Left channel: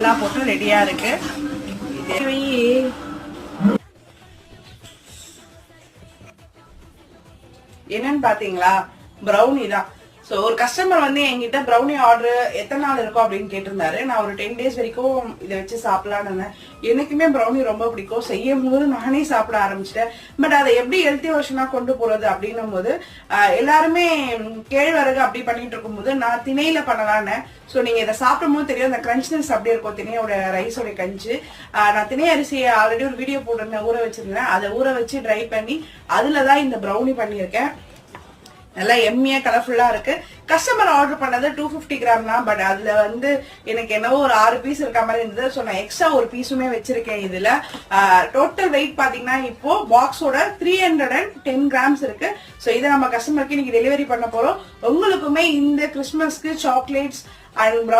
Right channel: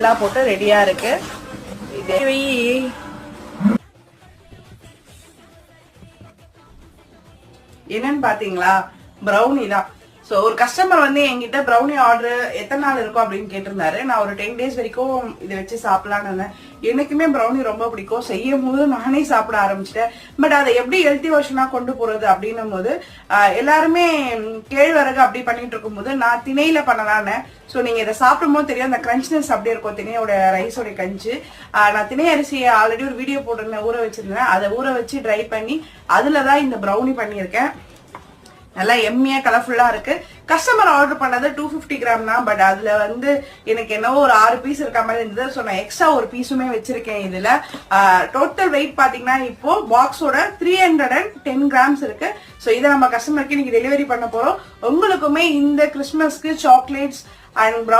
எல்லாம் போட்டு ரெடியா இருக்கு. என்னன்னு பாத்தீங்களா, ப்ரௌனி தான். சோ ஒரு கஸ்டமர் வந்து என்கிட்ட ப்ரௌனி ஆர்டர் எத்தனை நாள் இருக்கும் அப்படின்னு கேட்டிருந்தாரு. நான் ஒரு 10 days வரைக்கும் இதை வச்சு சாப்பிடலான்னு இருந்தேன். எனக்குமே ப்ரௌனி ரொம்ப பிடிக்கும். செய்யும் போது நானே சாப்பிட ஆரம்பிச்சிட்டேன். பட் அதை எப்படி ஹெல்த்தி வெர்ஷனா கொண்டு போறது அப்படின்னும் போது எல்லாருமே கேழ்வரகு அப்படி பண்ணிட்டு இருக்கும் போது நான் திணையில பண்ணலான்னு. சோ நீங்க இதை சாப்பிடும் போது தெரியும் அந்த கிரன்ச்னஸ் அப்படி இருக்கும் திணையோட ரைஸோட கஞ்சி. நான் திணை அரிசியை ஆல்ரெடி ஒரு வீடியோ போட்டிருந்தேன், ஊற வச்சிருந்தேன். அதை ஊற வச்சு ட்ரை பண்ணி அதுலதான் இந்த ப்ரௌனி பண்ணியிருக்கேன். நல்லா எம்மியா கலர்ஃபுல்லா இருக்கு. கஸ்டமர் ஆர்டர் பண்ணது 250 கிராம் தான். பட் அதுல வந்து எனக்கு என்னவோ ஒரு 6 பீஸ் இருக்க மாதிரி இருந்தது. சோ நான் எக்ஸ்ட்ரா ஒரு பீஸுமே வச்சிருக்கேன். இதுல டோட்டல் வெயிட் பாத்தீங்கன்னா இப்போ பாக்ஸோட 310 கிராம்ஸ் இருக்கு. சோ இதை நம்ம கஸ்டமருக்கு இன்னைக்கு டெலிவரி பண்ண போறோம். உங்களுக்குமே இந்த கிறிஸ்துமஸ்க்கு சாக்லேட்ஸ் அண்ட்